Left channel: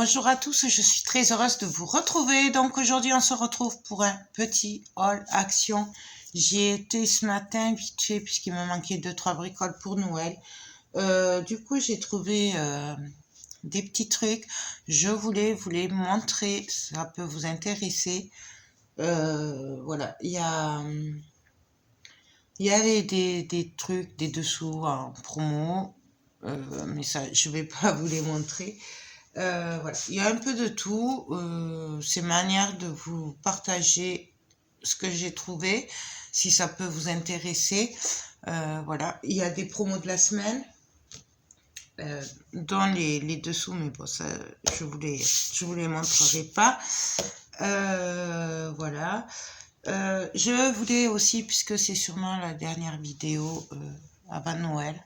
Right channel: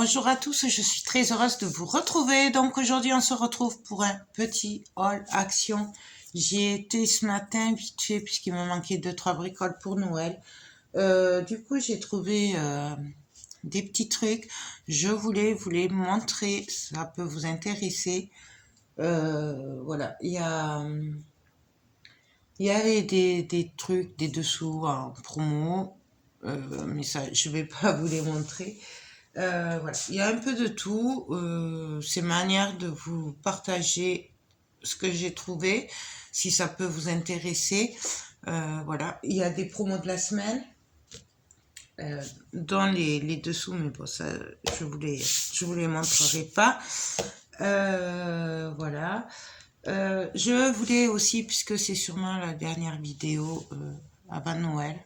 Bonjour à tous, je suis très heureuse de vous retrouver. Donc aujourd'hui, on se retrouve pour un petit haul action. J'y été ce matin vite fait puisqu'il me manquait 2-3 bricoles pour Noël. Du coup, j'ai trouvé des petits trucs. Je voulais vous les montrer, ça peut vous intéresser. Voilà, il y avait des trucs, des dessous en promo, mais ça, je vais pas vous les montrer. Voilà, il y a un peu de tout. C'est manière de vous partager ce que j'ai trouvé, si ça peut vous intéresser. Voilà, il y a des promos de la semaine dans les dessous, mais bon, ça, je vous les montrerai pas. Voilà. Je voulais aussi, puisque c'est sûrement la dernière vidéo avant Noël,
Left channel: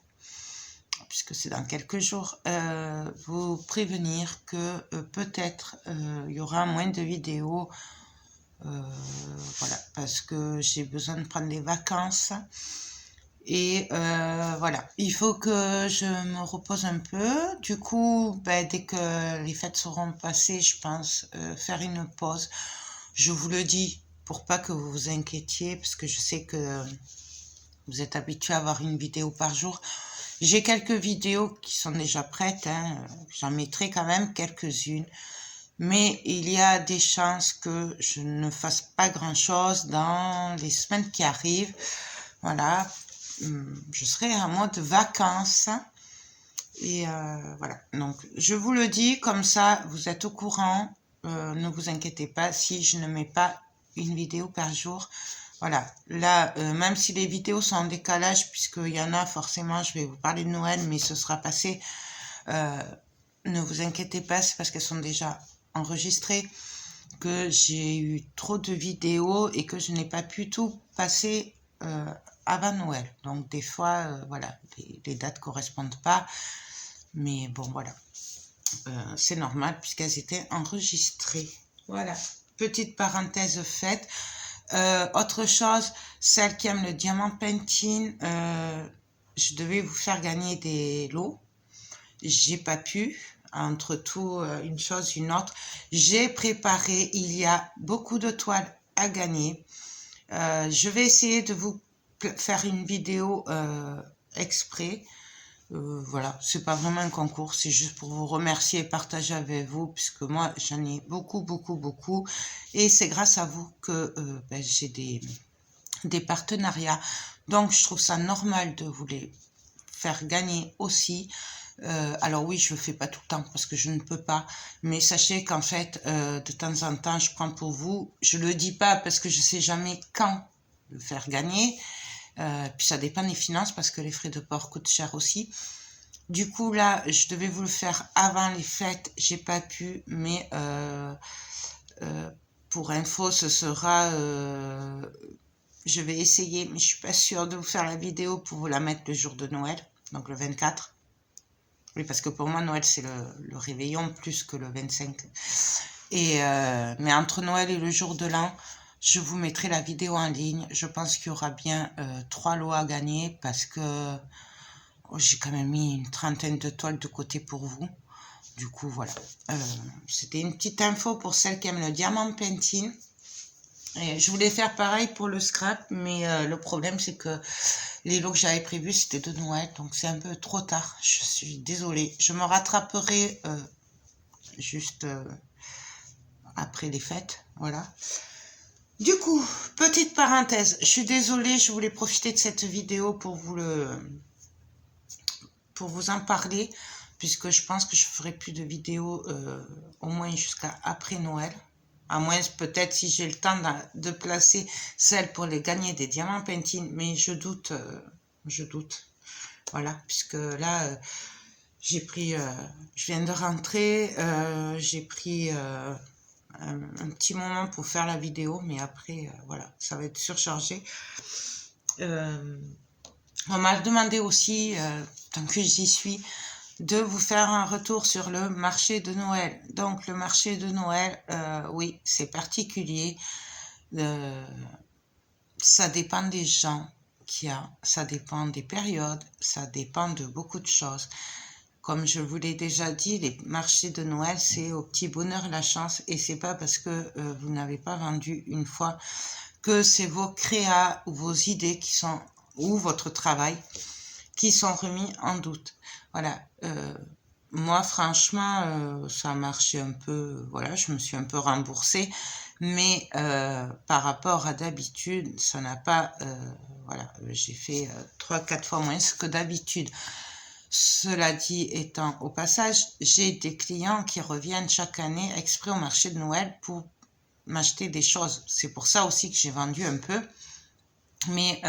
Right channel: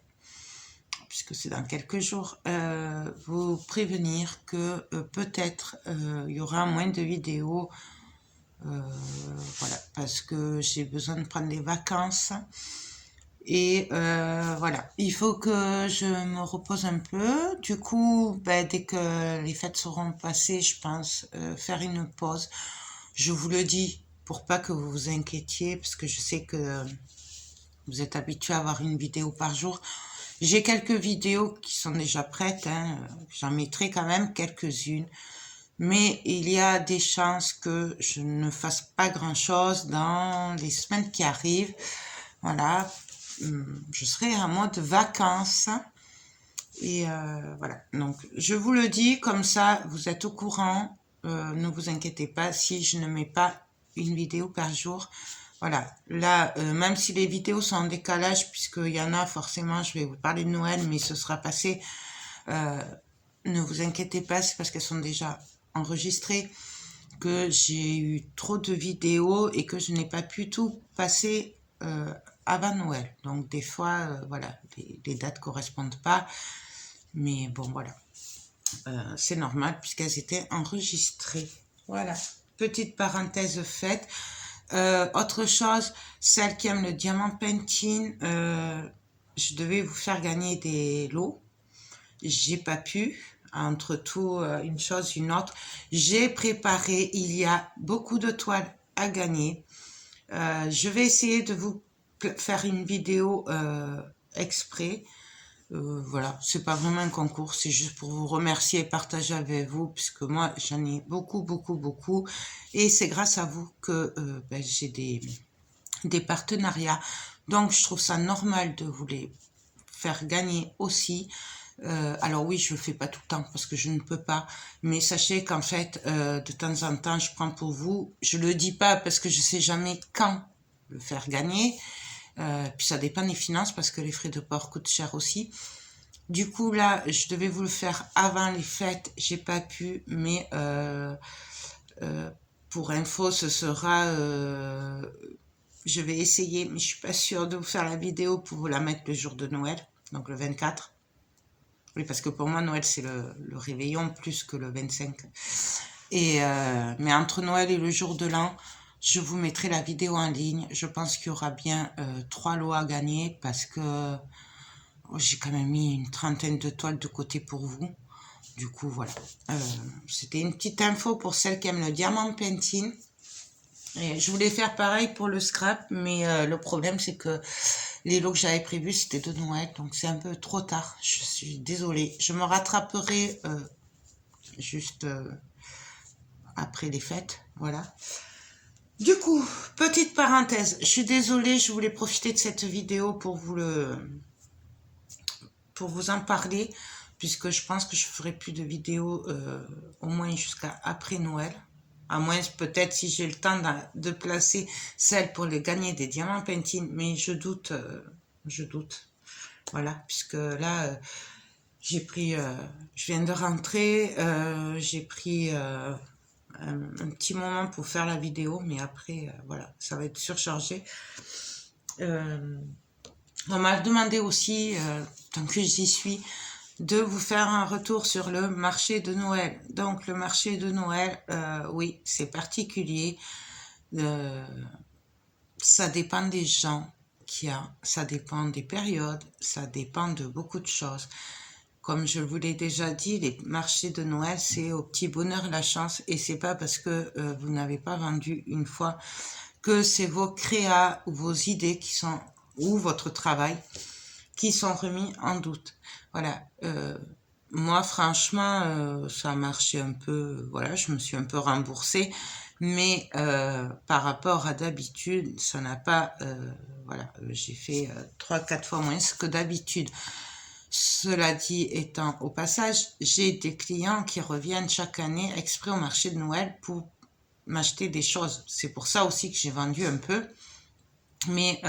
puisque c'est dans quelques jours, vous prévenir que peut-être il y aura moins de vidéos, voilà, parce que j'ai besoin de prendre des vacances. Et voilà, il faut que je me repose un peu. Du coup, ben, dès que les fêtes seront passées, je pense faire une pause. Je vous le dis pour pas que vous vous inquiétiez, parce que je sais que vous êtes habitués à avoir une vidéo par jour. J'ai quelques vidéos qui sont déjà prêtes, hein. J'en mettrai quand même quelques-unes. Mais il y a des chances que je ne fasse pas grand-chose dans les semaines qui arrivent. Voilà, je serai en mode vacances. Et voilà, donc je vous le dis, comme ça vous êtes au courant. Ne vous inquiétez pas si je ne mets pas une vidéo par jour. Voilà, là, même si les vidéos sont en décalage, puisqu'il y en a forcément, je vais vous parler de Noël, mais ce sera passé. Ne vous inquiétez pas, c'est parce qu'elles sont déjà enregistrées que j'ai eu trop de vidéos et que je n'ai pas pu tout passer avant Noël. Donc des fois, voilà, les dates correspondent pas. Mais bon, voilà. C'est normal puisqu'elles étaient enregistrées. Voilà. Petite parenthèse faite. Autre chose, celle qui aime le diamant painting, je devais vous faire gagner des lots. J'ai pas pu. Entre tout, une chose, une autre. J'ai préparé, il y a beaucoup de toiles à gagner. Je vais essayer de vous faire une vidéo exprès. Voilà, c'est pas vraiment un concours, c'est juste pour vous remercier et partager avec vous, puisque moi j'en ai beaucoup, beaucoup, beaucoup, et c'est grâce à vous que ben, j'ai des partenariats. Donc je trouve ça normal de vous les faire gagner aussi. Alors oui, je le fais pas tout le temps parce que je ne peux pas, mais sachez qu'en fait, de temps en temps, je prends pour vous. Je le dis pas parce que je sais jamais quand le faire gagner. Puis ça dépend des finances parce que les frais de port coûtent cher aussi. Du coup, là, je devais vous le faire avant les fêtes, j'ai pas pu, mais pour info, ce sera... je vais essayer, mais je suis pas sûre de vous faire la vidéo pour vous la mettre le jour de Noël, donc le 24. Oui, parce que pour moi, Noël, c'est le réveillon plus que le 25. Et, mais entre Noël et le jour de l'an, je vous mettrai la vidéo en ligne. Je pense qu'il y aura bien 3 lots à gagner parce que j'ai quand même mis une trentaine de toiles de côté pour vous. Du coup, voilà. C'était une petite info pour celles qui aiment le diamant painting. Et je voulais faire pareil pour le scrap, mais le problème, c'est que les lots que j'avais prévus, c'était de Noël, donc c'est un peu trop tard. Je suis désolée. Je me rattraperai juste après les fêtes, voilà. Du coup, petite parenthèse, je suis désolée, je voulais profiter de cette vidéo pour vous en parler, puisque je pense que je ferai plus de vidéos au moins jusqu'à après Noël. À moins peut-être si j'ai le temps de placer celle pour les gagner des diamants painting, mais je doute, je doute. Voilà, puisque là, j'ai pris, je viens de rentrer, j'ai pris un petit moment pour faire la vidéo, mais après, voilà, ça va être surchargé. On m'a demandé aussi, tant que j'y suis, de vous faire un retour sur le marché de Noël. Donc le marché de Noël, oui, c'est particulier. Ça dépend des gens qu'il y a, ça dépend des périodes, ça dépend de beaucoup de choses. comme je vous l'ai déjà dit, les marchés de Noël, c'est au petit bonheur la chance. Et c'est pas parce que vous n'avez pas vendu une fois que c'est vos créas ou vos idées qui sont, ou votre travail, qui sont remis en doute. Voilà. Moi, franchement, ça a marché un peu, voilà, je me suis un peu remboursée, mais par rapport à d'habitude, ça n'a pas, voilà, j'ai fait 3-4 fois moins que d'habitude. Cela dit étant, au passage, j'ai des clients qui reviennent chaque année exprès au marché de Noël pour m'acheter des choses. C'est pour ça aussi que j'ai vendu un peu, mais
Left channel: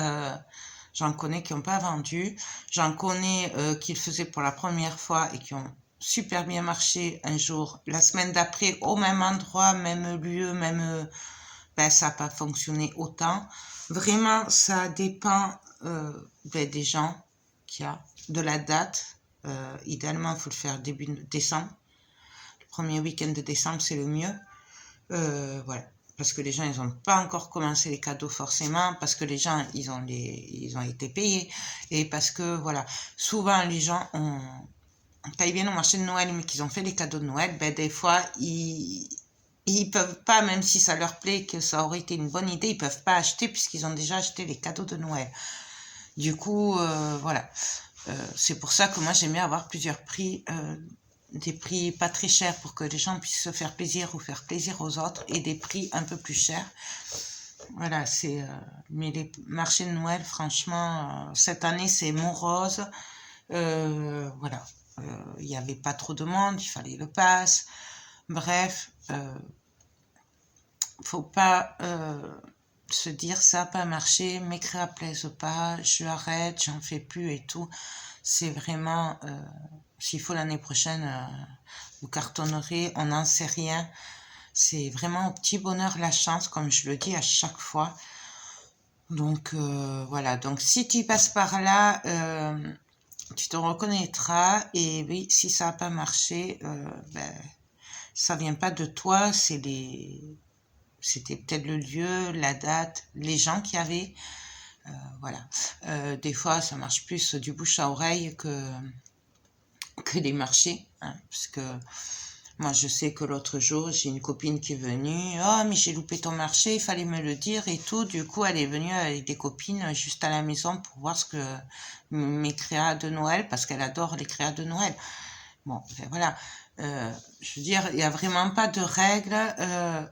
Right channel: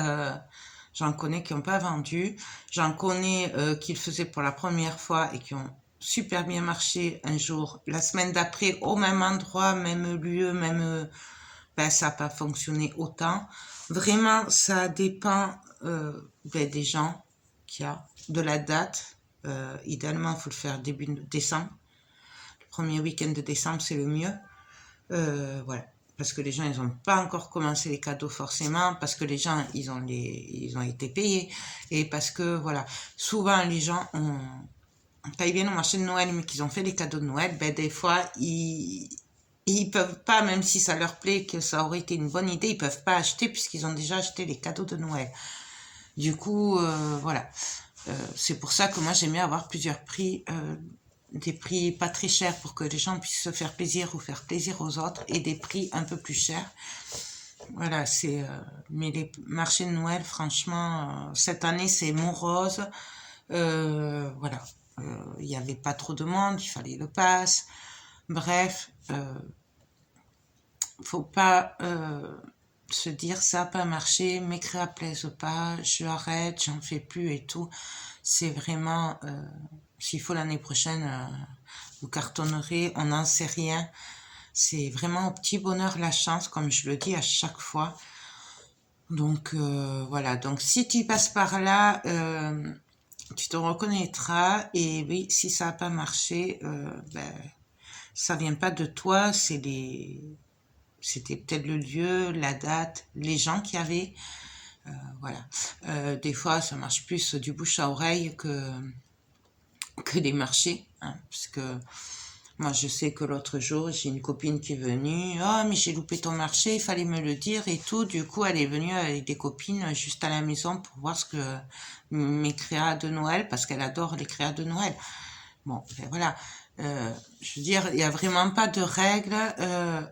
j'en connais qui n'ont pas vendu, j'en connais qui le faisaient pour la première fois et qui ont super bien marché un jour. La semaine d'après, au même endroit, même lieu, même... ben, ça n'a pas fonctionné autant. Vraiment, ça dépend des gens qu'il y a, de la date. Idéalement, il faut le faire début décembre. Le premier week-end de décembre, c'est le mieux. Voilà. Parce que les gens, ils n'ont pas encore commencé les cadeaux forcément, parce que les gens, ils ont été payés. Et parce que, voilà, souvent, les gens quand ils viennent au marché de Noël, mais qu'ils ont fait les cadeaux de Noël, ben, des fois, ils peuvent pas, même si ça leur plaît, que ça aurait été une bonne idée, ils peuvent pas acheter puisqu'ils ont déjà acheté les cadeaux de Noël. Du coup, voilà. C'est pour ça que moi, j'aimais avoir plusieurs prix, des prix pas très chers pour que les gens puissent se faire plaisir ou faire plaisir aux autres, et des prix un peu plus chers. Voilà, mais les marchés de Noël, franchement, cette année, c'est morose. Voilà. Il n'y avait pas trop de monde, il fallait le pass. Bref, faut pas se dire ça n'a pas marché, mes créas plaisent pas, je arrête, j'en fais plus et tout. C'est vraiment, s'il faut l'année prochaine, vous cartonnerez, on n'en sait rien. C'est vraiment au petit bonheur la chance, comme je le dis à chaque fois. Donc voilà, donc si tu passes par là, tu te reconnaîtras. Et oui, si ça n'a pas marché, ben, ça vient pas de toi, c'était peut-être le lieu, la date, les gens qui avaient. Voilà. Des fois, ça marche plus du bouche à oreille que les marchés. Hein, parce que moi, je sais que l'autre jour, j'ai une copine qui est venue. Oh, mais j'ai loupé ton marché, il fallait me le dire et tout. Du coup, elle est venue avec des copines juste à la maison pour voir ce que mes créas de Noël, parce qu'elle adore les créas de Noël. Bon, ben voilà. Je veux dire, il n'y a vraiment pas de règles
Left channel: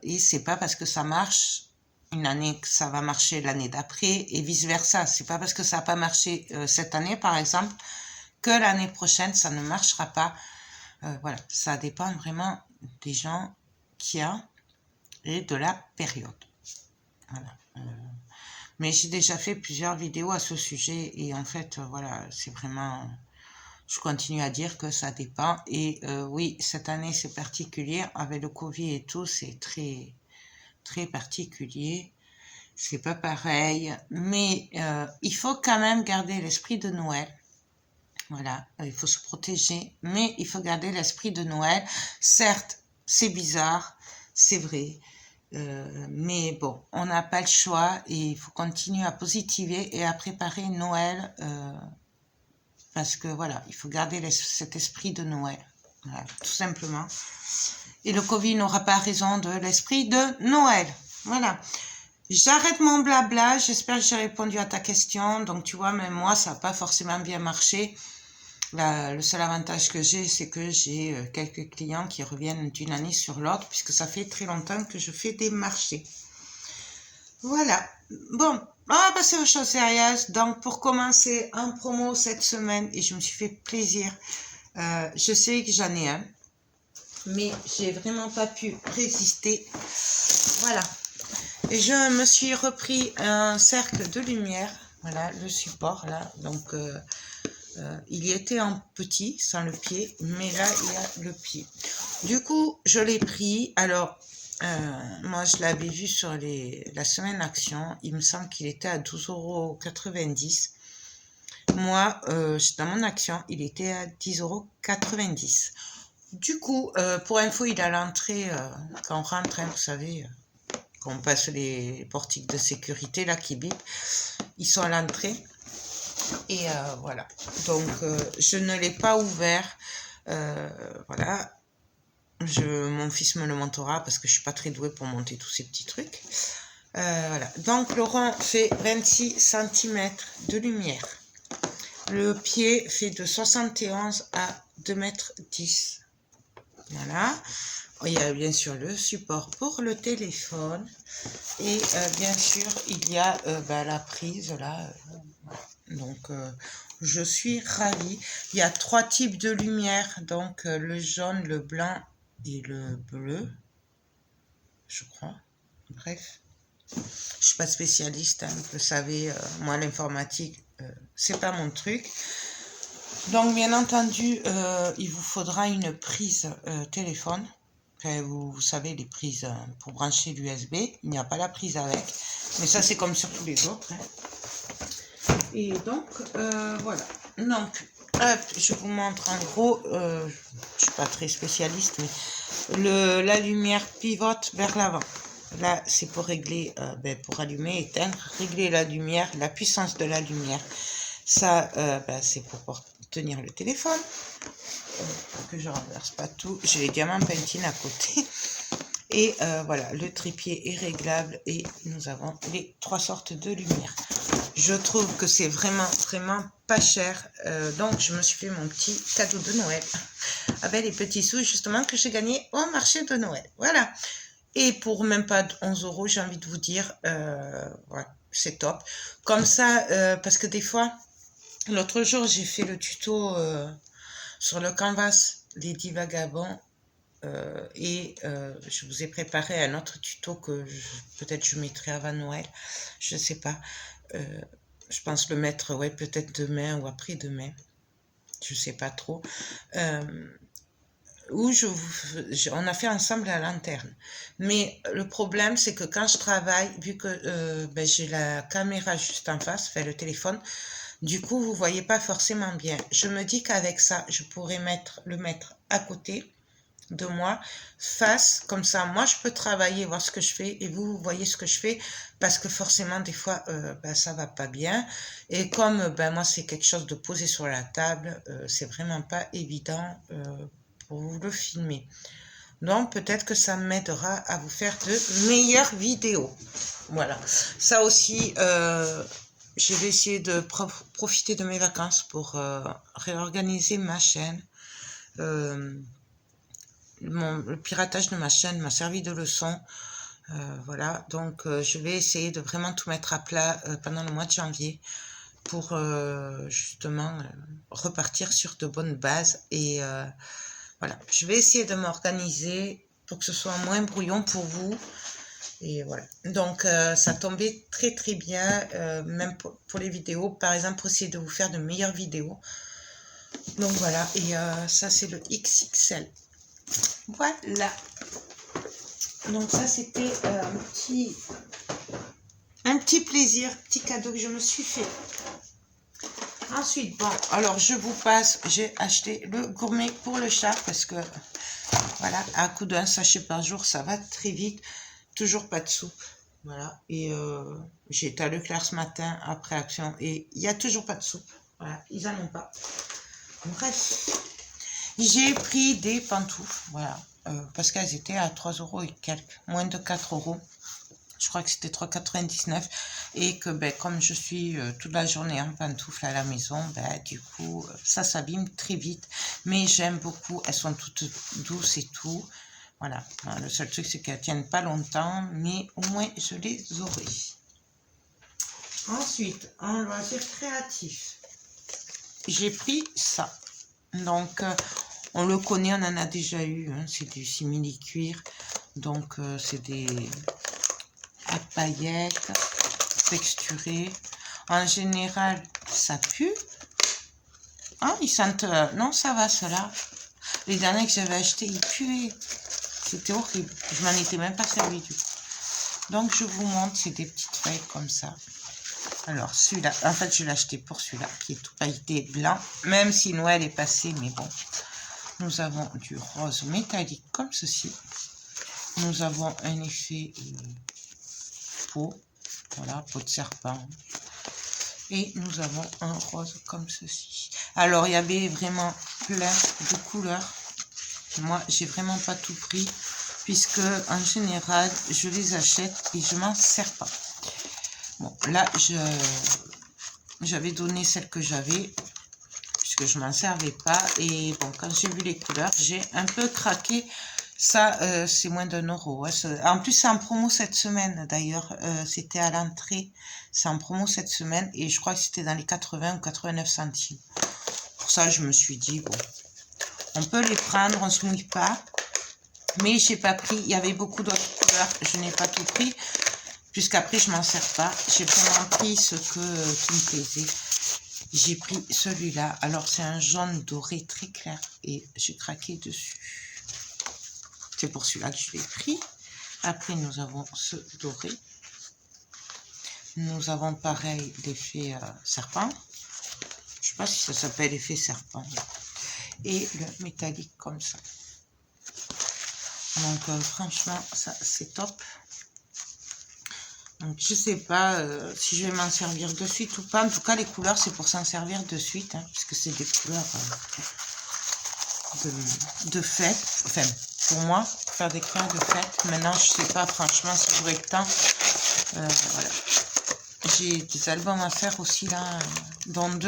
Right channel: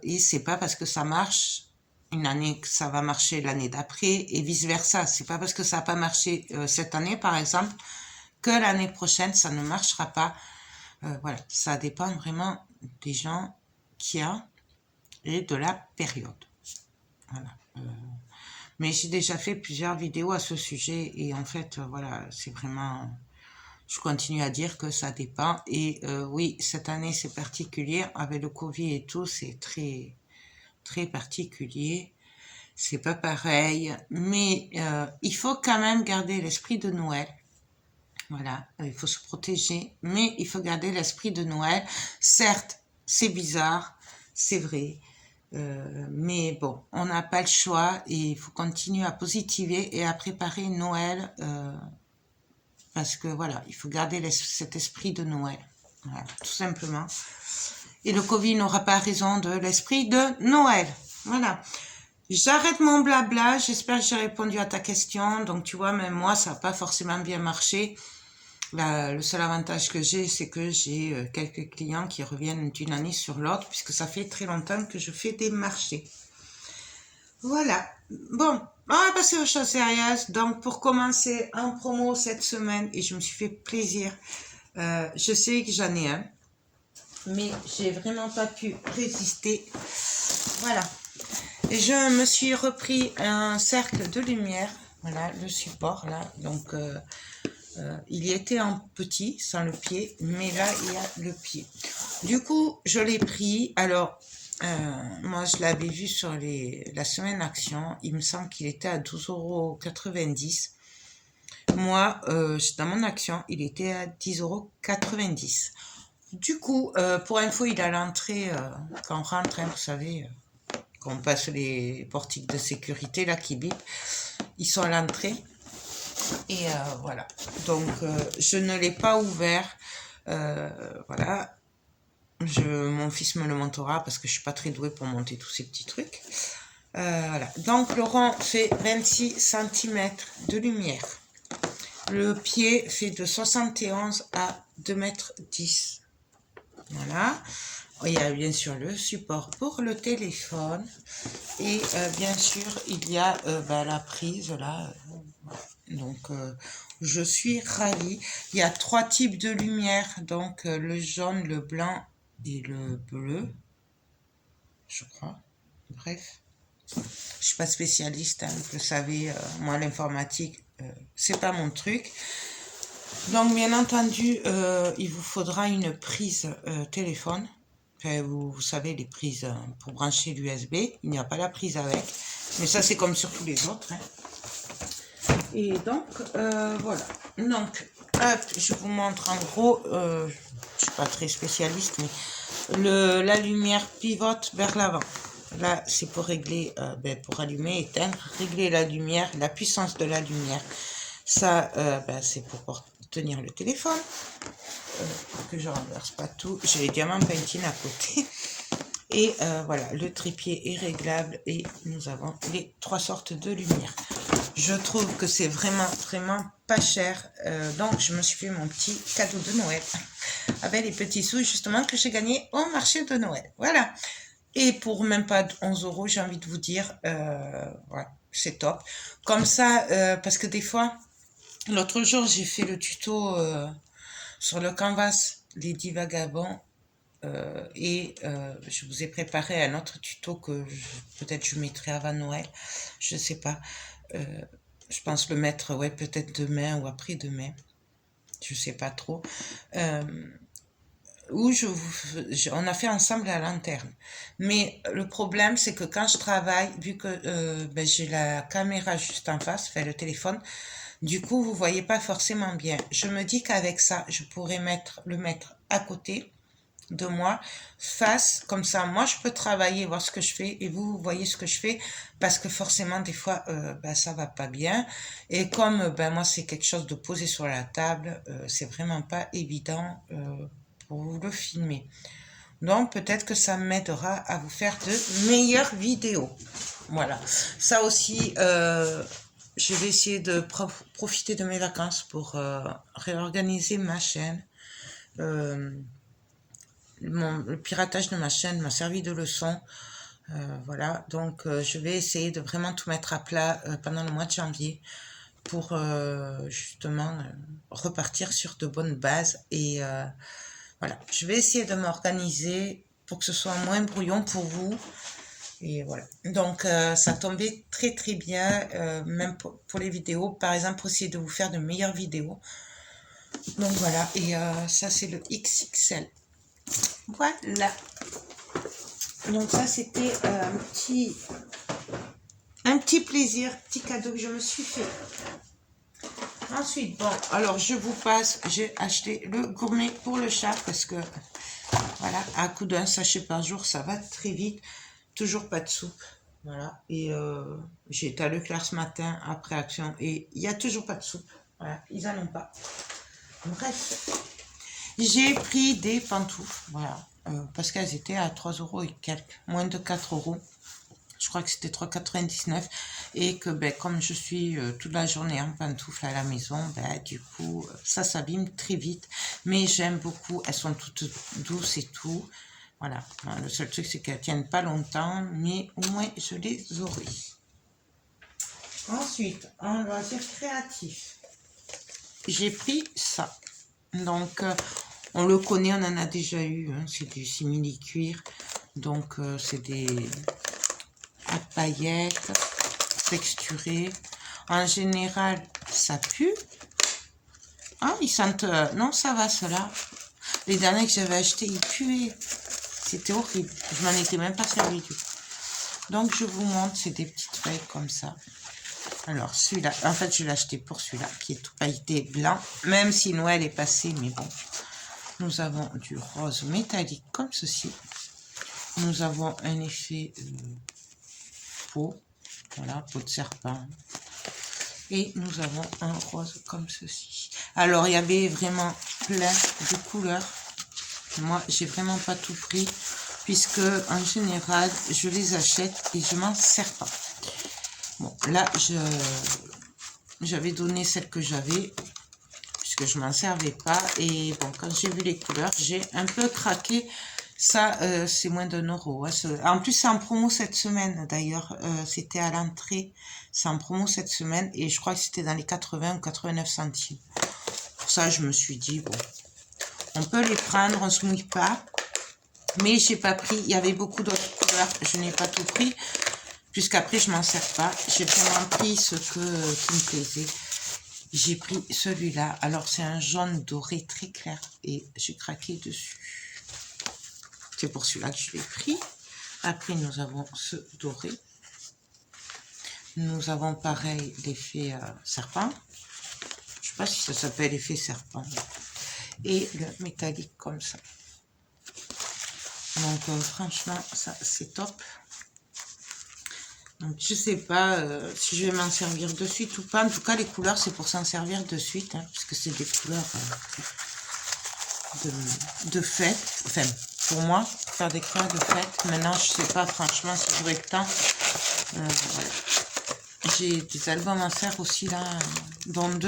et c'est pas parce que ça marche une année que ça va marcher l'année d'après et vice versa. C'est pas parce que ça n'a pas marché cette année, par exemple, que l'année prochaine ça ne marchera pas. Voilà, ça dépend vraiment des gens qu'il y a et de la période. Voilà. Mais j'ai déjà fait plusieurs vidéos à ce sujet et en fait, voilà, c'est vraiment... Je continue à dire que ça dépend. Et oui, cette année, c'est particulier. Avec le Covid et tout, c'est très, très particulier. C'est pas pareil. Mais il faut quand même garder l'esprit de Noël. Voilà, il faut se protéger. Mais il faut garder l'esprit de Noël. Certes, c'est bizarre, c'est vrai. Mais bon, on n'a pas le choix et il faut continuer à positiver et à préparer Noël parce que voilà, il faut garder cet esprit de Noël, voilà, tout simplement. Et le Covid n'aura pas raison de l'esprit de Noël. Voilà. J'arrête mon blabla, j'espère que j'ai répondu à ta question. Donc tu vois, même moi, ça n'a pas forcément bien marché. Le seul avantage que j'ai, c'est que j'ai quelques clients qui reviennent d'une année sur l'autre, puisque ça fait très longtemps que je fais des marchés. Voilà. Bon, on va passer aux choses sérieuses. Donc, pour commencer en promo cette semaine, et je me suis fait plaisir, je sais que j'en ai un, mais j'ai vraiment pas pu résister. Voilà. Et je me suis repris un cercle de lumière. Voilà, le support, là. Donc, il y était en petit, sans le pied, mais là, il y a le pied. Du coup, je l'ai pris. Alors, moi, je l'avais vu sur la semaine action. Il me semble qu'il était à 12,90 €. Moi, dans mon action, il était à 10,90 €. Du coup, pour info, il est à l'entrée, quand on rentre, hein, vous savez, quand on passe les portiques de sécurité, là, qui bipent, ils sont à l'entrée. Et voilà. Donc, je ne l'ai pas ouvert. Voilà. Mon fils me le montera parce que je suis pas très douée pour monter tous ces petits trucs. Voilà. Donc le rond fait 26 cm de lumière. Le pied fait de 71 à 2,10 m. Voilà. Il y a bien sûr le support pour le téléphone. Et bien sûr, il y a la prise là. Donc, je suis ravie. Il y a 3 types de lumière. Donc, le jaune, le blanc et le bleu. Je crois. Bref. Je suis pas spécialiste, hein, vous le savez. Moi, l'informatique, c'est pas mon truc. Donc, bien entendu, il vous faudra une prise téléphone. Enfin, vous savez, les prises pour brancher l'USB. Il n'y a pas la prise avec. Mais ça, c'est comme sur tous les autres. Hein. Et donc, voilà. Donc, hop, je vous montre en gros. Je ne suis pas très spécialiste, mais la lumière pivote vers l'avant. Là, c'est pour régler, pour allumer, éteindre, régler la lumière, la puissance de la lumière. Ça, c'est pour tenir le téléphone. Que je renverse pas tout. J'ai les diamants Pantene à côté. Et voilà, le trépied est réglable et nous avons les 3 sortes de lumière. Je trouve que c'est vraiment, vraiment pas cher. Donc, je me suis fait mon petit cadeau de Noël avec les petits sous justement que j'ai gagnés au marché de Noël. Voilà. Et pour même pas 11 €, j'ai envie de vous dire, voilà, c'est top. Comme ça, parce que des fois, l'autre jour, j'ai fait le tuto sur le canvas, les 10 vagabonds. Et je vous ai préparé un autre tuto que peut-être je mettrai avant Noël. Je ne sais pas. Je pense le mettre, ouais, peut-être demain ou après-demain. Je ne sais pas trop. Où on a fait ensemble la lanterne. Mais le problème, c'est que quand je travaille, vu que j'ai la caméra juste en face, enfin le téléphone, du coup, vous ne voyez pas forcément bien. Je me dis qu'avec ça, je pourrais le mettre à côté de moi, face, comme ça, moi je peux travailler, voir ce que je fais, et vous voyez ce que je fais, parce que forcément, des fois, ça va pas bien, et comme moi c'est quelque chose de posé sur la table, c'est vraiment pas évident pour vous le filmer. Donc, peut-être que ça m'aidera à vous faire de meilleures vidéos. Voilà. Ça aussi, je vais essayer de profiter de mes vacances pour réorganiser ma chaîne. Le piratage de ma chaîne m'a servi de leçon. Voilà, donc je vais essayer de vraiment tout mettre à plat pendant le mois de janvier pour justement repartir sur de bonnes bases. Et voilà, je vais essayer de m'organiser pour que ce soit moins brouillon pour vous. Et voilà, donc ça tombait très très bien, même pour les vidéos, par exemple, pour essayer de vous faire de meilleures vidéos. Donc voilà, et ça c'est le XXL. Voilà. Donc ça, c'était un petit plaisir, petit cadeau que je me suis fait. Ensuite, bon, alors je vous passe, j'ai acheté le gourmet pour le chat parce que, voilà, à coup d'un sachet par jour, ça va très vite. Toujours pas de soupe, voilà. Et j'ai été à Leclerc ce matin après Action et il n'y a toujours pas de soupe. Voilà, ils n'en ont pas. Bref, j'ai pris des pantoufles, voilà. Parce qu'elles étaient à 3 € et quelques, moins de 4 €. Je crois que c'était 3,99 € et que comme je suis toute la journée en pantoufles à la maison, du coup, ça s'abîme très vite. Mais j'aime beaucoup, elles sont toutes douces et tout. Voilà, le seul truc, c'est qu'elles ne tiennent pas longtemps, mais au moins, je les aurai. Ensuite, en loisir créatif, j'ai pris ça. Donc, on le connaît, on en a déjà eu, hein, c'est du simili-cuir. Donc, c'est des à paillettes texturées. En général, ça pue. Ah, ils sentent... non, ça va, ceux-là. Les derniers que j'avais achetés, ils puaient. C'était horrible. Je m'en étais même pas servi, du coup. Donc, je vous montre, c'est des petites pailles comme ça. Alors, celui-là, en fait, je l'ai acheté pour celui-là, qui est tout pailleté blanc. Même si Noël est passé, mais bon. Nous avons du rose métallique comme ceci. Nous avons un effet peau. Voilà, peau de serpent. Et nous avons un rose comme ceci. Alors, il y avait vraiment plein de couleurs. Moi, j'ai vraiment pas tout pris, puisque en général, je les achète et je m'en sers pas. Bon, là, j'avais donné celle que j'avais, puisque je m'en servais pas. Et bon, quand j'ai vu les couleurs, j'ai un peu craqué. Ça, c'est moins d'1 €. Hein. En plus, c'est en promo cette semaine, d'ailleurs. C'était à l'entrée. C'est en promo cette semaine. Et je crois que c'était dans les 80 ou 89 centimes. Pour ça, je me suis dit, bon, on peut les prendre, on se mouille pas. Mais j'ai pas pris. Il y avait beaucoup d'autres couleurs. Je n'ai pas tout pris. Puisqu'après, je m'en sers pas. J'ai vraiment pris ce qui me plaisait. J'ai pris celui-là. Alors, c'est un jaune doré très clair. Et j'ai craqué dessus. C'est pour celui-là que je l'ai pris. Après, nous avons ce doré. Nous avons pareil l'effet serpent. Je sais pas si ça s'appelle effet serpent. Et le métallique comme ça. Donc, franchement, ça, c'est top. Donc, je sais pas si je vais m'en servir de suite ou pas. En tout cas, les couleurs, c'est pour s'en servir de suite. Hein, puisque c'est des couleurs de fête. Enfin, pour moi, faire des couleurs de fête. Maintenant, je sais pas, franchement, si j'aurai le temps. Voilà. J'ai des albums à faire aussi, là. Dont 2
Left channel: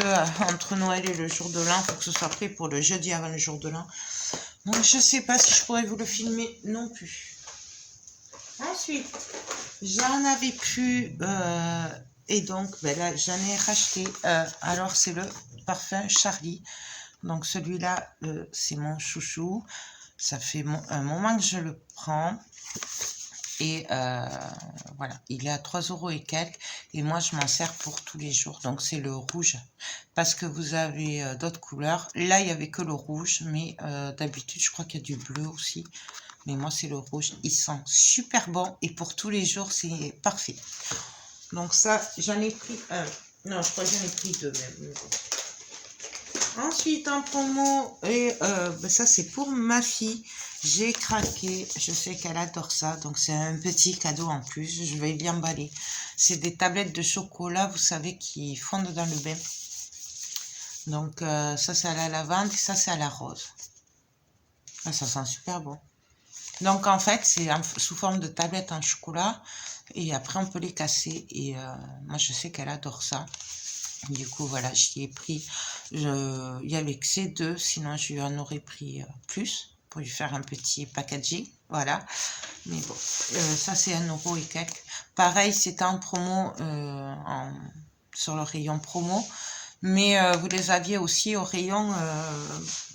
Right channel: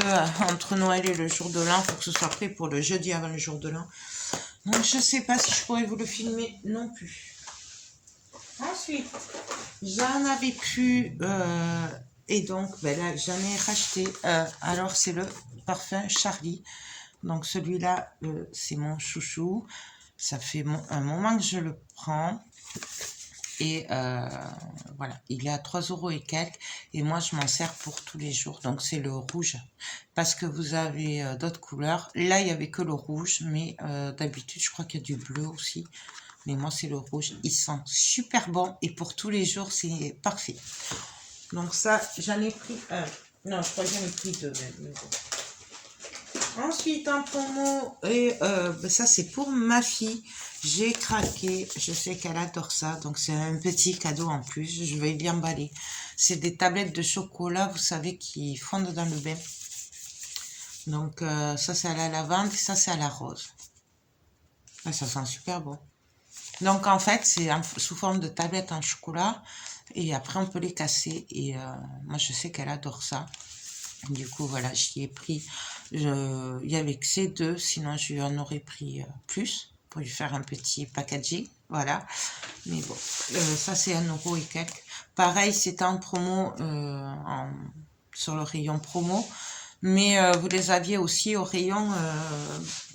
entre Noël et le jour de l'an. Il faut que ce soit prêt pour le jeudi avant le jour de l'an. Donc, je sais pas si je pourrais vous le filmer non plus. Ensuite, j'en avais plus et donc ben là j'en ai racheté. Alors c'est le parfum Charlie. Donc celui-là c'est mon chouchou. Ça fait un moment que je le prends. Et voilà, il est à 3 € et quelques. Et moi je m'en sers pour tous les jours. Donc c'est le rouge. Parce que vous avez d'autres couleurs. Là il n'y avait que le rouge. Mais d'habitude je crois qu'il y a du bleu aussi. Mais moi, c'est le rouge. Il sent super bon. Et pour tous les jours, c'est parfait. Donc ça, j'en ai pris un. Non, je crois que j'en ai pris 2 même. Ensuite, en promo, et ben ça, c'est pour ma fille. J'ai craqué. Je sais qu'elle adore ça. Donc, c'est un petit cadeau en plus. Je vais l'y emballer. C'est des tablettes de chocolat, vous savez, qui fondent dans le bain. Donc, ça, c'est à la lavande. Et ça, c'est à la rose. Ah, ça sent super bon. Donc, en fait, c'est sous forme de tablette en chocolat. Et après, on peut les casser. Et moi, je sais qu'elle adore ça. Du coup, voilà, j'y ai pris. Il y avait que ces 2. Sinon, je lui en aurais pris plus pour lui faire un petit packaging. Voilà. Mais bon, ça, c'est 1 € et quelques. Pareil, c'était en promo sur le rayon promo. Mais vous les aviez aussi au rayon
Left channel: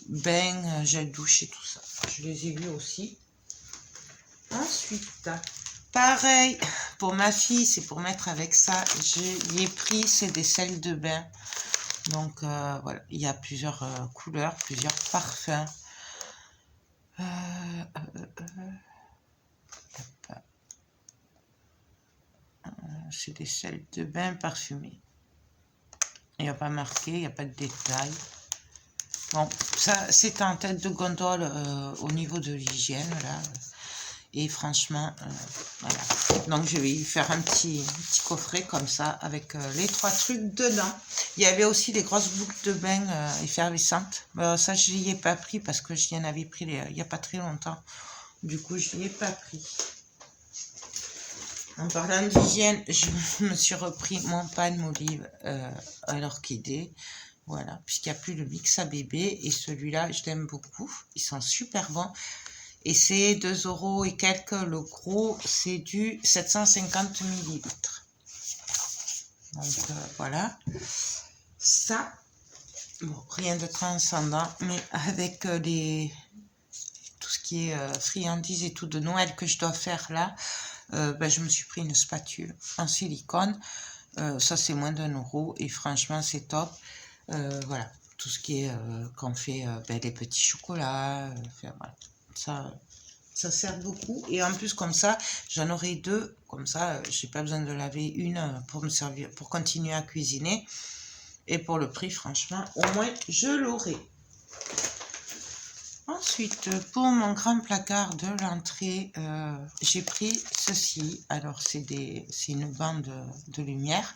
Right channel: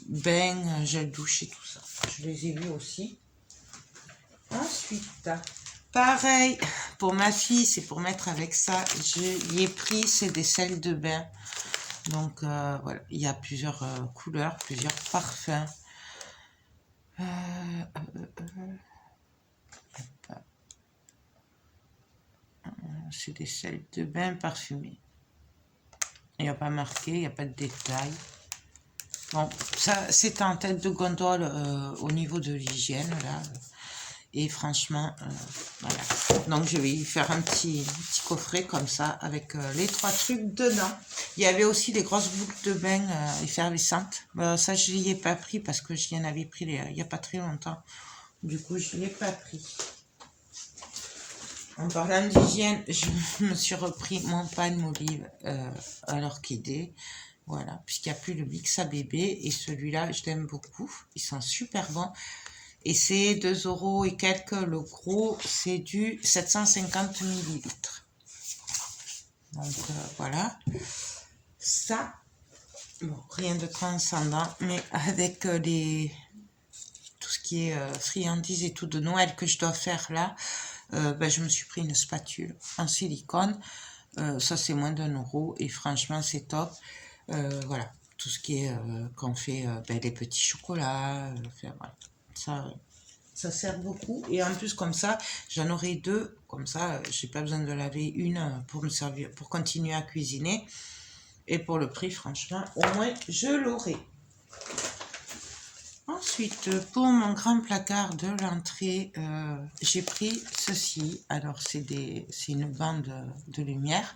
bain, gel douche et tout ça. Je les ai vus aussi. Ensuite, pareil, pour ma fille, c'est pour mettre avec ça. Je ai pris, c'est des sels de bain. Donc, voilà, il y a plusieurs couleurs, plusieurs parfums. C'est des sels de bain parfumés. Il n'y a pas marqué, il n'y a pas de détails. Bon, ça, c'est en tête de gondole au niveau de l'hygiène, là. Et franchement, voilà. Donc, je vais y faire un petit coffret comme ça avec les 3 trucs dedans. Il y avait aussi des grosses boucles de bain effervescentes. Ça, je n'y ai pas pris parce que j'y en avais pris il n'y a pas très longtemps. Du coup, je n'y ai pas pris. En parlant d'hygiène, je me suis repris mon palmolive à l'orchidée. Voilà, puisqu'il n'y a plus le mix à bébé. Et celui-là, je l'aime beaucoup. Ils sont super bons. Et c'est 2 € et quelques. Le gros, c'est du 750 ml. Donc, voilà. Ça, bon, rien de transcendant. Mais avec tout ce qui est friandises et tout de Noël que je dois faire là, ben, je me suis pris une spatule en silicone. Ça, c'est moins d'1 €. Et franchement, c'est top. Voilà. Tout ce qui est qu'on fait ben, des petits chocolats. Voilà. Ça sert beaucoup. Et en plus, comme ça, j'en aurai 2. Comme ça, j'ai pas besoin de laver une pour me servir, pour continuer à cuisiner. Et pour le prix, franchement, au moins, je l'aurai. Ensuite, pour mon grand placard de l'entrée, j'ai pris ceci. Alors, c'est une bande de lumière.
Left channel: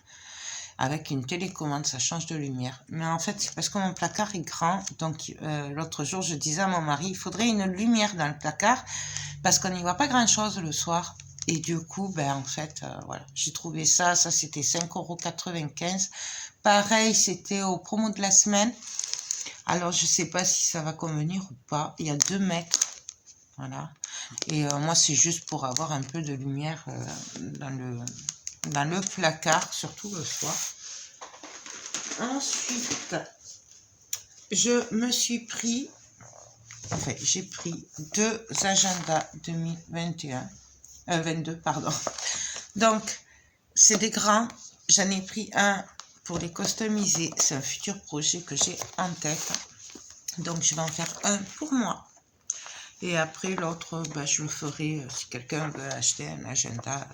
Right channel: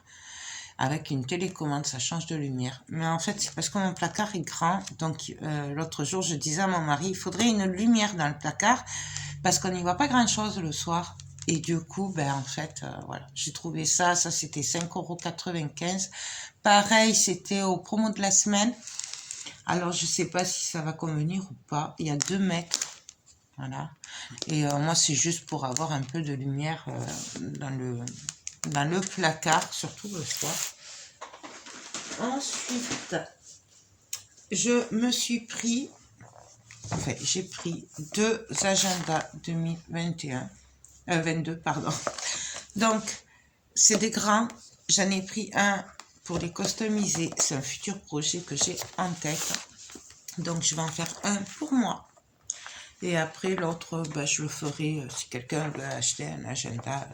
avec une télécommande, ça change de lumière. Mais en fait, c'est parce que mon placard est grand. Donc, l'autre jour, je disais à mon mari, il faudrait une lumière dans le placard parce qu'on n'y voit pas grand-chose le soir. Et du coup, ben, en fait, voilà, j'ai trouvé ça. Ça, c'était 5,95 €. Pareil, c'était au promo de la semaine. Alors, je sais pas si ça va convenir ou pas. Il y a 2 mètres. Voilà. Et moi, c'est juste pour avoir un peu de lumière dans le placard, surtout le soir. Ensuite, je me suis pris, en fait, j'ai pris 2 agendas 2021, 22, pardon. Donc, c'est des grands. J'en ai pris un pour les customiser. C'est un futur projet que j'ai en tête. Donc, je vais en faire un pour moi. Et après, l'autre, ben, je le ferai si quelqu'un veut acheter un agenda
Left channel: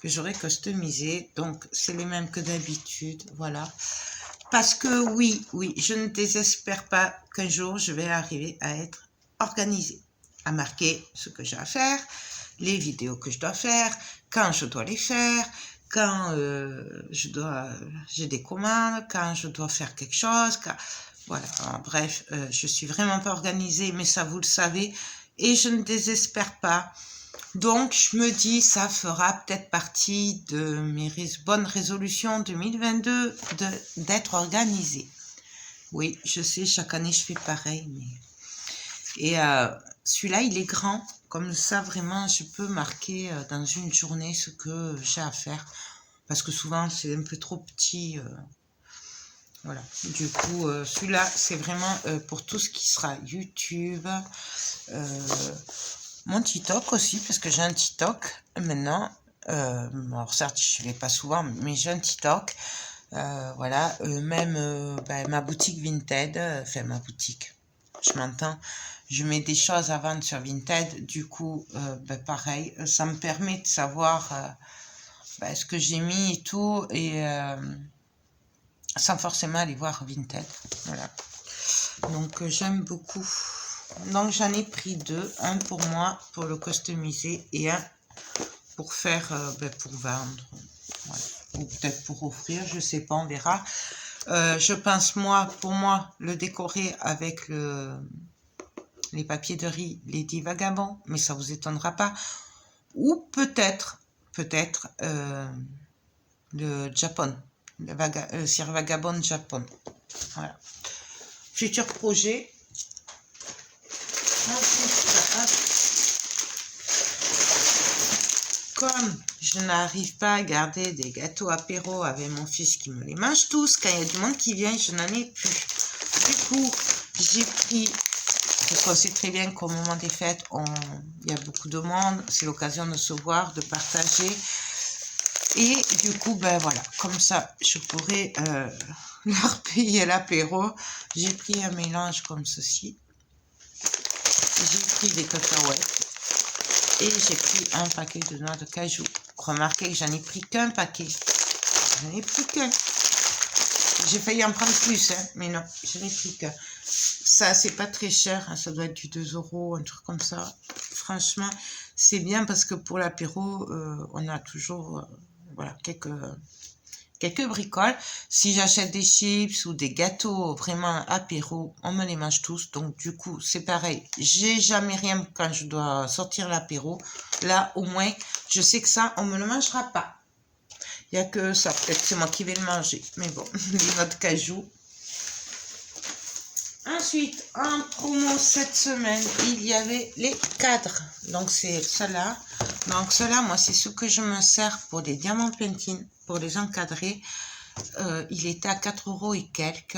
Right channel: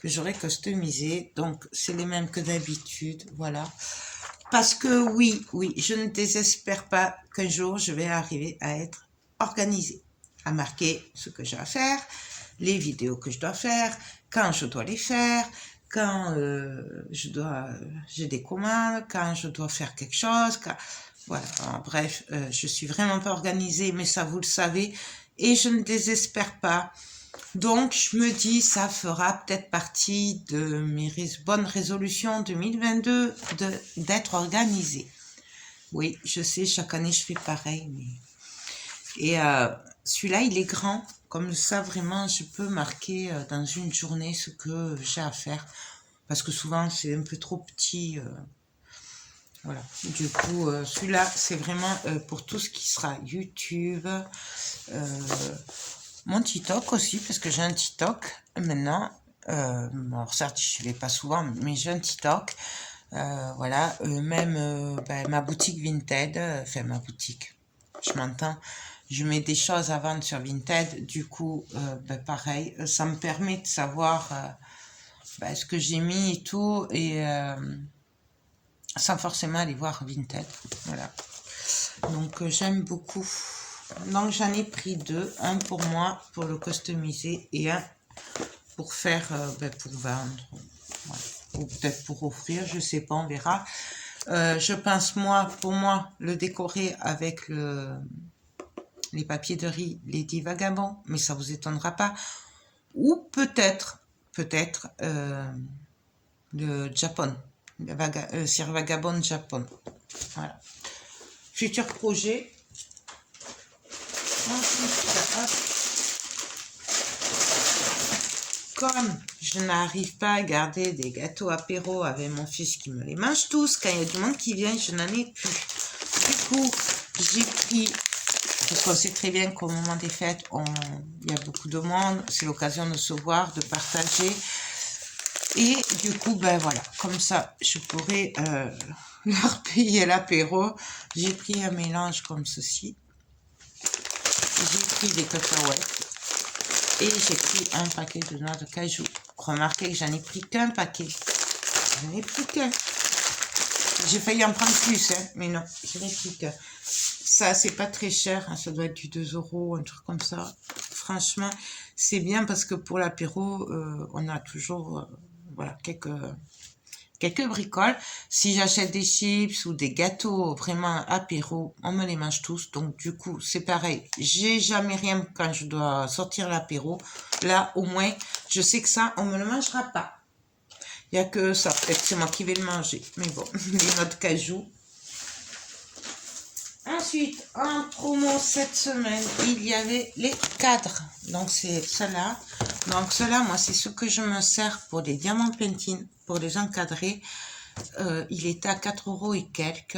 que j'aurai customisé. Donc, c'est les mêmes que d'habitude. Voilà. Parce que oui, je ne désespère pas qu'un jour, je vais arriver à être organisée, à marquer ce que j'ai à faire, les vidéos que je dois faire, quand je dois les faire, quand j'ai des commandes, quand je dois faire quelque chose. Voilà, bref, je suis vraiment pas organisée, mais ça, vous le savez, et je ne désespère pas. Donc, je me dis, ça fera peut-être partie de mes bonnes résolutions 2022 d'être organisée. Oui, je sais, chaque année, je fais pareil. Et celui-là, il est grand. Comme ça, vraiment, je peux marquer dans une journée ce que j'ai à faire. Parce que souvent, c'est un peu trop petit. Voilà. Du coup, celui-là, c'est vraiment pour tout ce qui sera YouTube. Mon TikTok aussi, parce que j'ai un TikTok maintenant. Alors certes, je ne vais pas souvent, mais j'ai un TikTok. Voilà, même ben, ma boutique Vinted, enfin ma boutique, je m'entends. Je mets des choses à vendre sur Vinted, du coup, ben, pareil, ça me permet de savoir ben, ce que j'ai mis et tout, et sans forcément aller voir Vinted. Voilà. Donc j'aime beaucoup. Donc j'en ai pris 2, un pour moi, pour le customiser, et un pour faire, ben, pour vendre. Voilà. Ou peut-être pour offrir, je sais pas, on verra. Je pense, moi, pour moi, le décorer avec les papiers de riz Lady Vagabond, mais ça vous étonnera pas. Ou peut-être, le Japon, Sir Vagabond Japon. Voilà. Futur projet. Comme je n'arrive pas à garder des gâteaux apéro avec mon fils qui me les mange tous, quand il y a du monde qui vient, je n'en ai plus. Du coup, j'ai pris, parce qu'on sait très bien qu'au moment des fêtes, il y a beaucoup de monde, c'est l'occasion de se voir, de partager. Et du coup, ben voilà, comme ça, je pourrais leur payer l'apéro. J'ai pris un mélange comme ceci. J'ai pris des cacahuètes. Et j'ai pris un paquet de noix de cajou. Remarquez que j'en ai pris qu'un paquet. J'en ai pris qu'un. J'ai failli en prendre plus, hein, mais non, je n'ai pris qu'un. Ça, c'est pas très cher, hein, ça doit être du 2 €, un truc comme ça. Franchement, c'est bien parce que pour l'apéro, on a toujours voilà, quelques bricoles. Si j'achète des chips ou des gâteaux vraiment apéro, on me les mange tous. Donc du coup, c'est pareil. J'ai jamais rien quand je dois sortir l'apéro. Là, au moins, je sais que ça, on me le mangera pas. Il n'y a que ça. Peut-être c'est moi qui vais le manger. Mais bon, les noix de cajou. Ensuite, en promo cette semaine, il y avait les cadres. Donc, c'est cela. Donc, cela, moi, c'est ce que je me sers pour des diamants pentines, pour les encadrer. Il était à 4 € et quelques.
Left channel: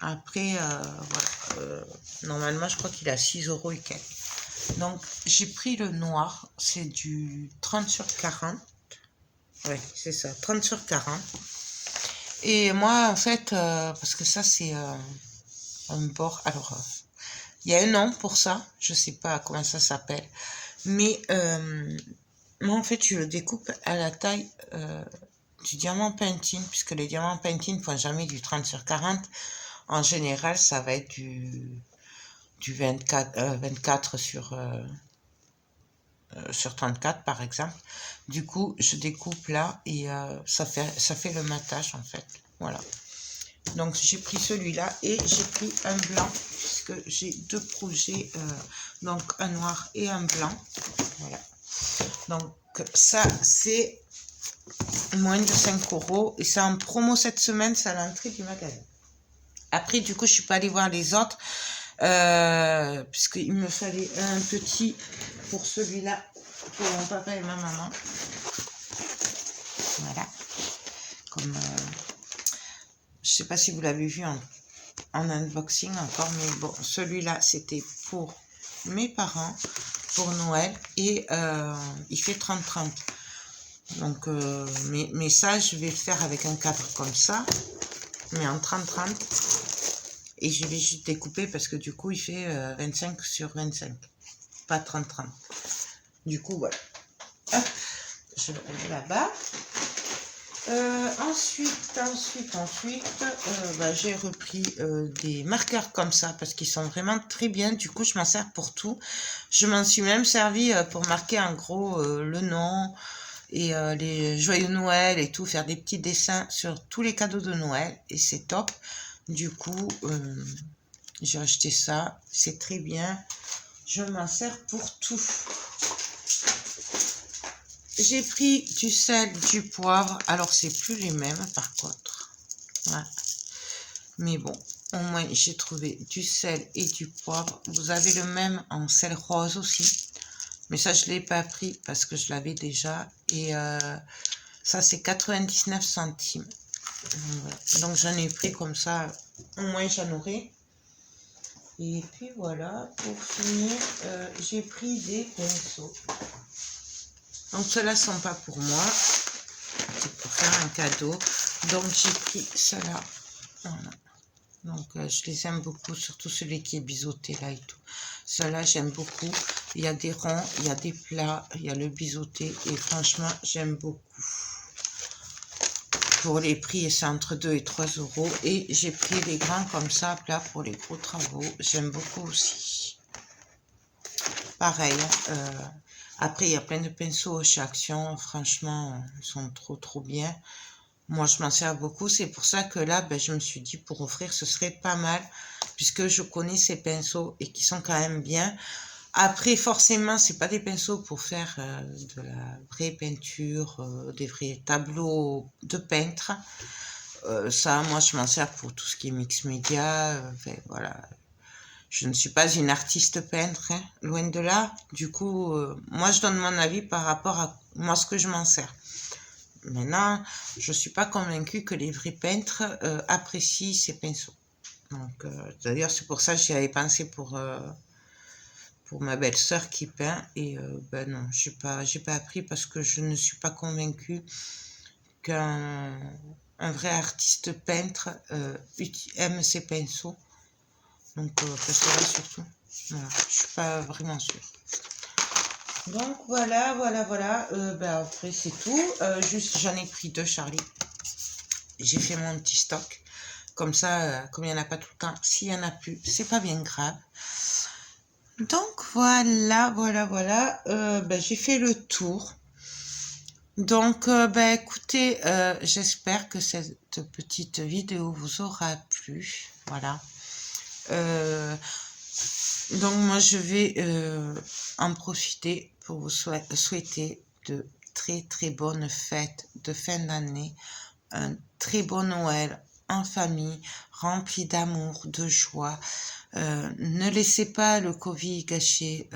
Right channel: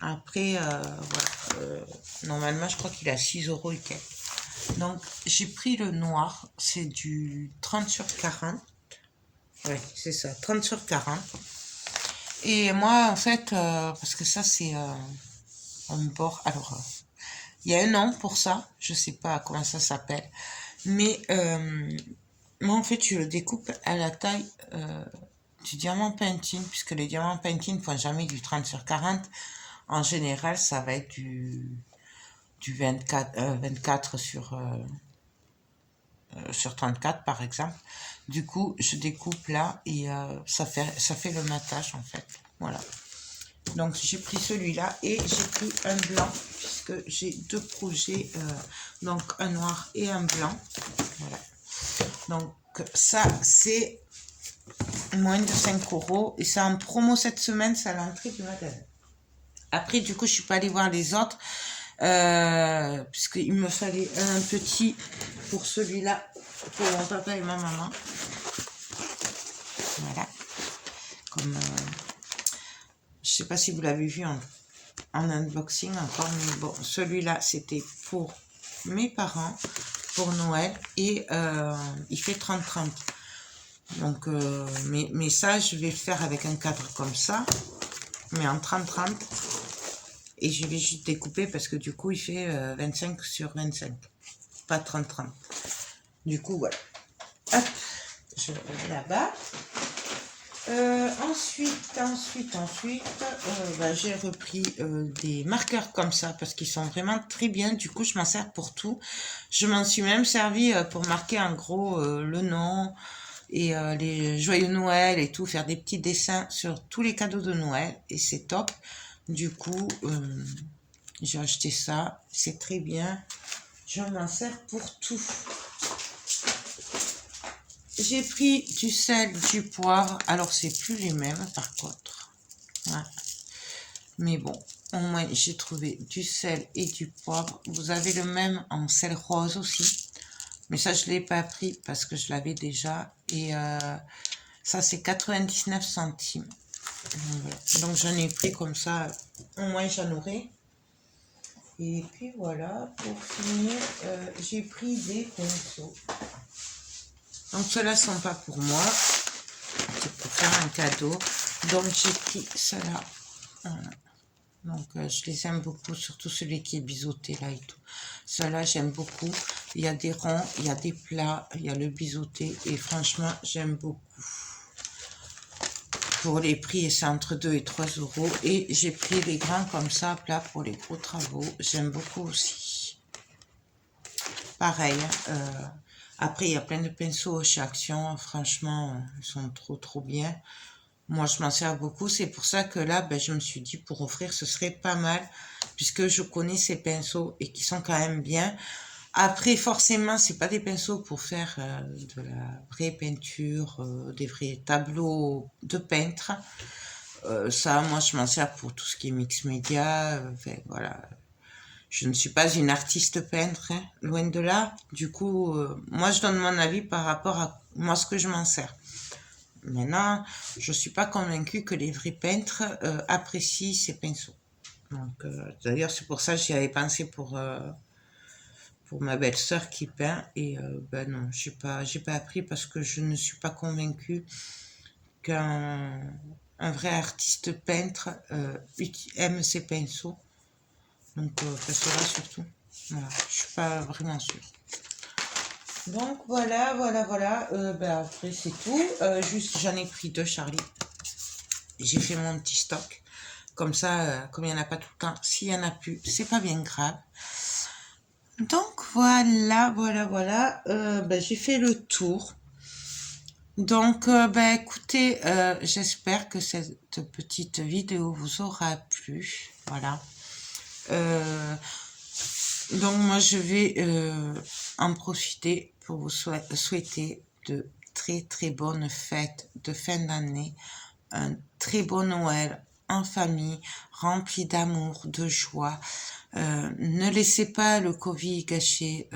Après, voilà. Normalement, je crois qu'il est à 6 € et quelques. Donc, j'ai pris le noir. C'est du 30 sur 40. Oui, c'est ça, 30 sur 40. Et moi, en fait, parce que ça, c'est un bord. Alors, il y a un nom pour ça. Je sais pas comment ça s'appelle. Mais moi, en fait, je le découpe à la taille du diamant pentine, puisque les diamants pentine ne font jamais du 30 sur 40. En général, ça va être du 24 sur sur 34 par exemple. Du coup, je découpe là et ça fait le matage en fait. Voilà. Donc, j'ai pris celui-là et j'ai pris un blanc puisque j'ai deux projets, donc un noir et un blanc. Voilà. Donc, ça, c'est moins de 5 € et c'est en promo cette semaine, c'est à l'entrée du magasin. Après, du coup, je suis pas allée voir les autres puisqu'il me fallait un petit pour celui-là, pour mon papa et ma maman. Voilà. Comme, je sais pas si vous l'avez vu en unboxing encore, mais bon, celui-là, c'était pour mes parents, pour Noël, et il fait 30-30. Donc, mais ça, je vais le faire avec un cadre comme ça, mais en 30-30. Et je vais juste découper parce que du coup, il fait 25 sur 25, pas 30-30. Du coup, voilà. Hop, je le mets là-bas. Ensuite, j'ai repris des marqueurs comme ça parce qu'ils sont vraiment très bien. Du coup, je m'en sers pour tout. Je m'en suis même servi pour marquer en gros le nom et les joyeux Noël et tout, faire des petits dessins sur tous les cadeaux de Noël et c'est top. Du coup, j'ai acheté ça, c'est très bien. Je m'en sers pour tout. J'ai pris du sel, du poivre. Alors, c'est plus les mêmes, par contre. Ouais. Mais bon, au moins, j'ai trouvé du sel et du poivre. Vous avez le même en sel rose aussi. Mais ça, je ne l'ai pas pris parce que je l'avais déjà. Et ça, c'est 99 centimes. Donc, j'en ai pris comme ça. Au moins, j'en aurai. Et puis, voilà. Pour finir, j'ai pris des pinceaux. Donc, ceux-là ne sont pas pour moi. C'est pour faire un cadeau. Donc, j'ai pris cela. Voilà. Donc, je les aime beaucoup, surtout celui qui est biseauté là et tout. Cela, j'aime beaucoup. Il y a des ronds, il y a des plats, il y a le biseauté. Et franchement, j'aime beaucoup. Pour les prix, c'est entre 2 et 3 €. Et j'ai pris les grands comme ça, plats pour les gros travaux. J'aime beaucoup aussi. Pareil. Après, il y a plein de pinceaux chez Action. Franchement, ils sont trop bien. Moi, je m'en sers beaucoup. C'est pour ça que là, je me suis dit, pour offrir, ce serait pas mal. Puisque je connais ces pinceaux et qui sont quand même bien. Après, forcément, c'est pas des pinceaux pour faire de la vraie peinture, des vrais tableaux de peintre. Ça, moi, je m'en sers pour tout ce qui est mix média. Voilà. Je ne suis pas une artiste peintre, hein, loin de là. Du coup, moi, je donne mon avis par rapport à moi, ce que je m'en sers. Maintenant, je ne suis pas convaincue que les vrais peintres apprécient ces pinceaux. Donc, d'ailleurs, c'est pour ça que j'y avais pensé pour ma belle-sœur qui peint. Et non, j'ai pas appris parce que je ne suis pas convaincue qu'un vrai artiste peintre aime ses pinceaux. Donc, parce que là, surtout, voilà, je suis pas vraiment sûre. Donc, voilà. Après, c'est tout. Juste, j'en ai pris 2, Charlie. J'ai fait mon petit stock. Comme ça, comme il n'y en a pas tout le temps, s'il y en a plus, c'est pas bien grave. Donc, voilà. J'ai fait le tour. Donc, écoutez, j'espère que cette petite vidéo vous aura plu. Voilà. Donc, moi, je vais en profiter pour vous souhaiter de très bonnes fêtes de fin d'année, un très bon Noël en famille, rempli d'amour, de joie. Ne laissez pas le Covid gâcher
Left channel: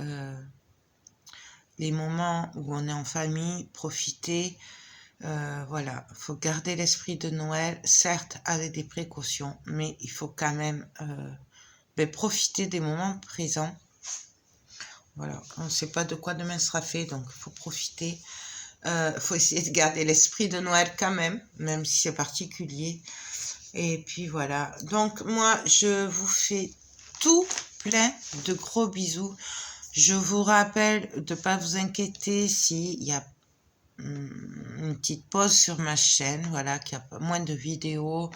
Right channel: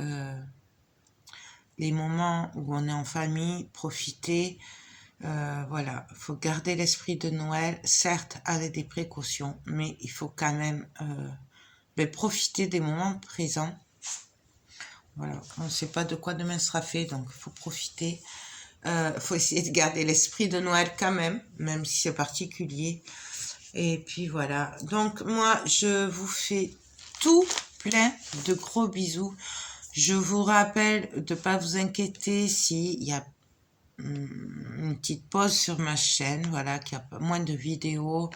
les moments où on est en famille, profitez. Voilà, il faut garder l'esprit de Noël, certes avec des précautions, mais il faut quand même profiter des moments présents. Voilà, on ne sait pas de quoi demain sera fait, donc il faut profiter. Faut essayer de garder l'esprit de Noël quand même si c'est particulier. Et puis voilà, donc moi je vous fais tout plein de gros bisous. Je vous rappelle de ne pas vous inquiéter s'il y a une petite pause sur ma chaîne, voilà, qu'il y a moins de vidéos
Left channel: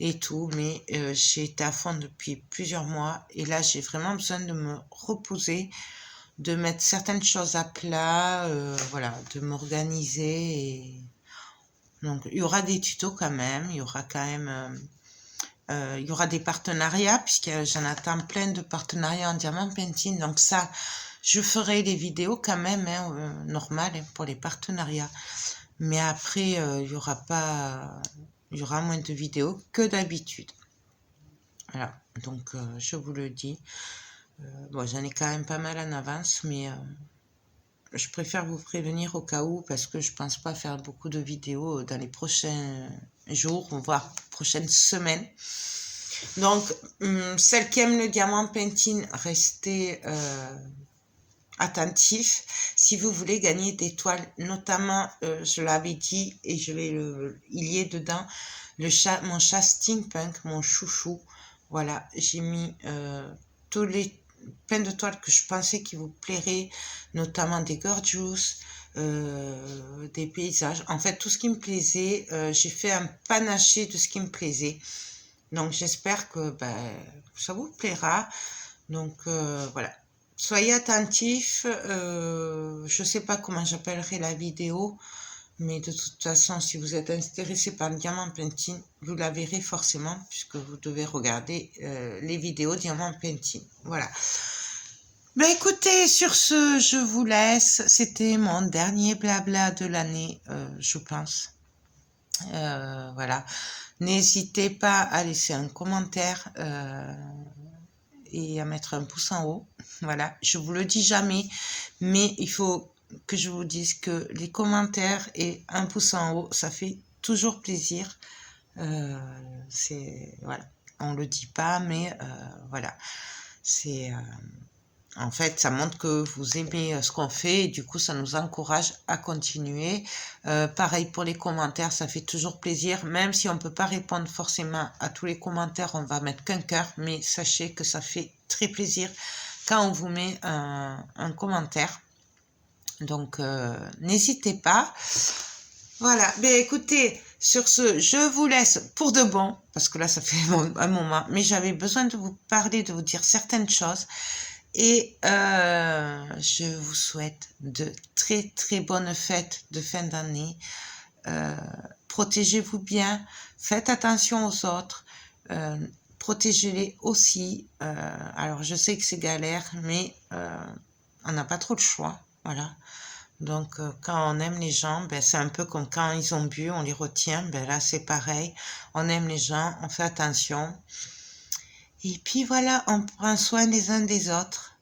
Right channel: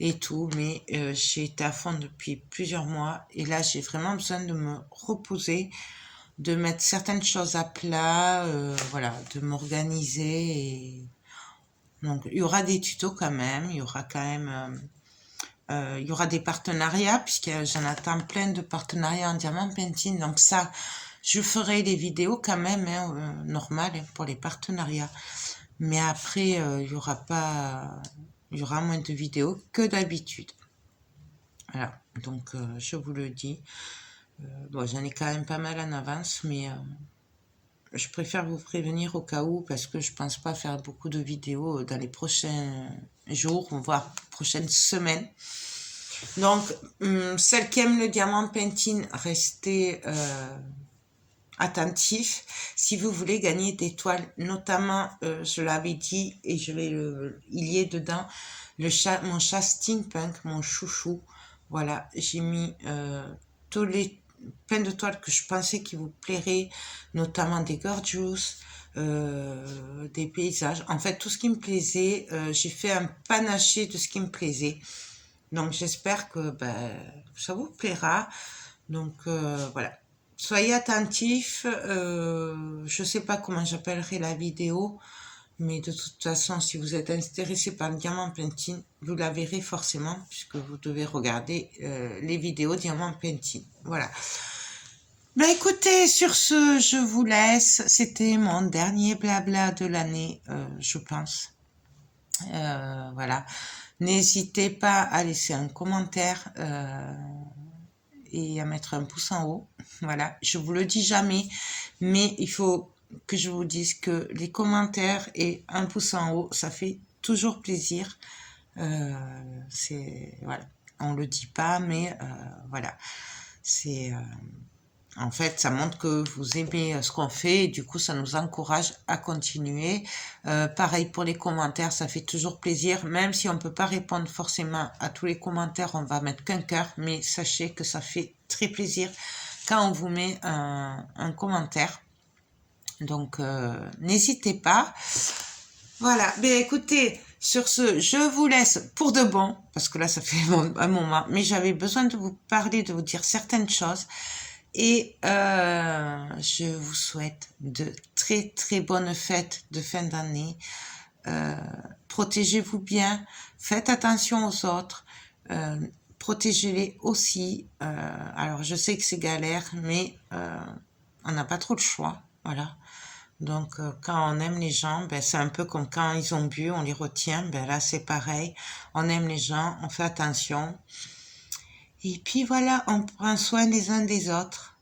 et tout, mais j'ai été à fond depuis plusieurs mois et là j'ai vraiment besoin de me reposer. de mettre certaines choses à plat, voilà, de m'organiser. Donc, il y aura des tutos quand même, il y aura quand même... il y aura des partenariats, puisque j'en attends plein de partenariats en diamant painting. Donc ça, je ferai des vidéos quand même, hein, normales, hein, pour les partenariats. Mais après, il y aura pas... Il y aura moins de vidéos que d'habitude. Voilà, donc je vous le dis. Bon, j'en ai quand même pas mal en avance, mais je préfère vous prévenir au cas où, parce que je pense pas faire beaucoup de vidéos dans les prochains jours, voire prochaines semaines. Donc, celles qui aiment le diamant painting, restez attentifs. Si vous voulez gagner des toiles, notamment, je l'avais dit, et je vais il y est dedans, mon chat steampunk, mon chouchou. Voilà, j'ai mis plein de toiles que je pensais qui vous plairaient, notamment des gorgeous, des paysages. En fait, tout ce qui me plaisait, j'ai fait un panaché de ce qui me plaisait. Donc, j'espère que ça vous plaira. Donc, voilà. Soyez attentifs. Je ne sais pas comment j'appellerai la vidéo, mais de toute façon, si vous êtes intéressé par le diamant painting, vous la verrez forcément, puisque vous devez regarder les vidéos diamant painting. Voilà. Ben écoutez, sur ce, je vous laisse. C'était mon dernier blabla de l'année, je pense. Voilà. N'hésitez pas à laisser un commentaire et à mettre un pouce en haut. Voilà, je vous le dis jamais, mais il faut que je vous dise que les commentaires et un pouce en haut, ça fait toujours plaisir. Voilà, on le dit pas, mais voilà, c'est en fait, ça montre que vous aimez ce qu'on fait et du coup, ça nous encourage à continuer. Pareil pour les commentaires, ça fait toujours plaisir. Même si on ne peut pas répondre forcément à tous les commentaires, on va mettre qu'un cœur. Mais sachez que ça fait très plaisir quand on vous met un commentaire. Donc, n'hésitez pas. Voilà, ben écoutez, sur ce, je vous laisse pour de bon, parce que là, ça fait un moment. Mais j'avais besoin de vous parler, de vous dire certaines choses. Et je vous souhaite de très très bonnes fêtes de fin d'année. Protégez-vous bien, faites attention aux autres, protégez-les aussi. Alors je sais que c'est galère, mais on n'a pas trop le choix, voilà. Donc quand on aime les gens, c'est un peu comme quand ils ont bu, on les retient. Là c'est pareil, on aime les gens, on fait attention. Et puis voilà, on prend soin les uns des autres.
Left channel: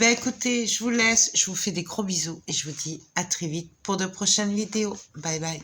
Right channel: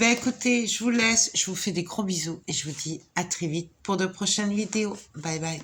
Écoutez, je vous laisse, je vous fais des gros bisous et je vous dis à très vite pour de prochaines vidéos. Bye bye.